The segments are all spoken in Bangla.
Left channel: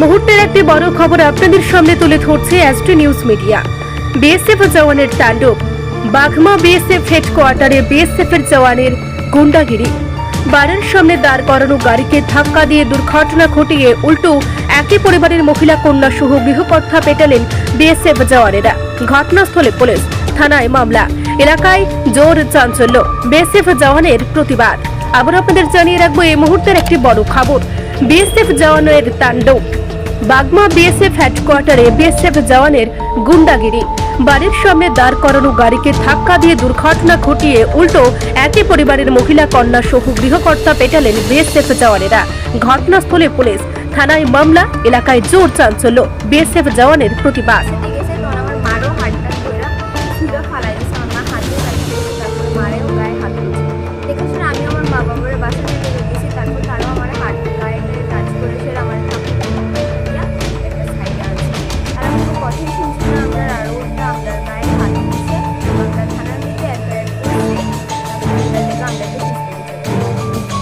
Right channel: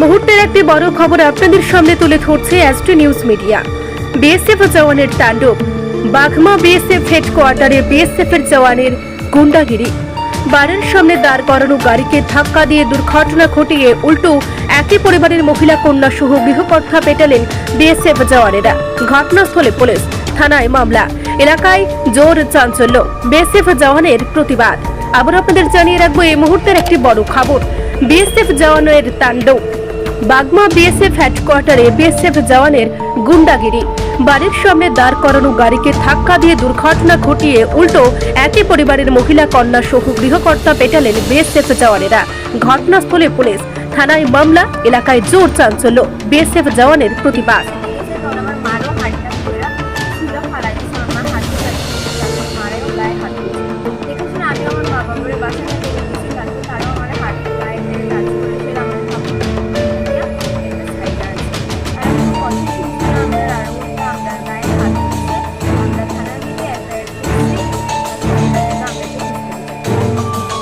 মুহূর্তের একটি বড় খবর আপনাদের সামনে তুলে ধরছে এসটি নিউজ মিডিয়া বিএসএফ জওয়ানের তাণ্ডব। বাঘমা বিএসএফ হেডকোয়ার্টারে বিএসএফ এর জওয়ানের গুন্ডাগিরি। বাড়ির সামনে দাঁড় করানো গাড়িকে ধাক্কা দিয়ে দুর্ঘটনা ঘটিয়ে উল্টো একই পরিবারের মহিলা কন্যা সহ গৃহকর্তা পেটালেন বিএসএফ জওয়ানেরা। ঘটনাস্থলে পুলিশ থানায় মামলা। এলাকায় জোর চাঞ্চল্য। বিএসএফ জওয়ানের প্রতিবাদ। আবার আপনাদের জানিয়ে রাখব, এই মুহূর্তের একটি বড় খবর। বিএসএফ জওয়ানের তাণ্ডব। বাগমা বিএসএফ হেডকোয়ার্টারে বিএসএফ জওয়ানের গুন্ডাগিরি। বাড়ির সামনে দাঁড় করানো গাড়িকে ধাক্কা দিয়ে দুর্ঘটনা ঘটিয়ে উল্টো একই পরিবারের মহিলা, কন্যা, সহ গৃহকর্তা পেটালেন বিএসএফ জওয়ানেরা। ঘটনাস্থলে পুলিশ থানায় মামলা, এলাকায় জোর চাঞ্চল্য। বিএসএফ জওয়ানের প্রতিবাদ। আমি আমার বাসা নিয়ে তারপর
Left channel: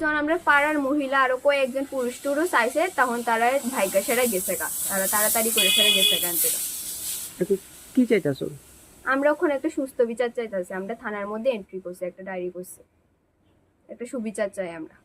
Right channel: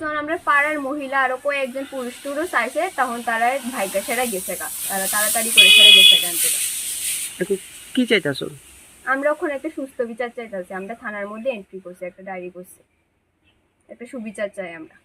যখন আমরা পাড়ার মহিলা আরও কয়েকজন পুরুষ টুরুষ আইসে তখন তারা ভাইকা সেরা গেছে গা। তারা তাড়াতাড়ি করে সেরা গেছে গান থেকে এখন কি চাইতাছ? আমরা ওখানে একটা সুস্থ বিচার চাইতেছি। আমরা থানার মধ্যে এন্ট্রি করছি একটা ডায়েরি করছি। একটা সুবিচার চাই আমরা।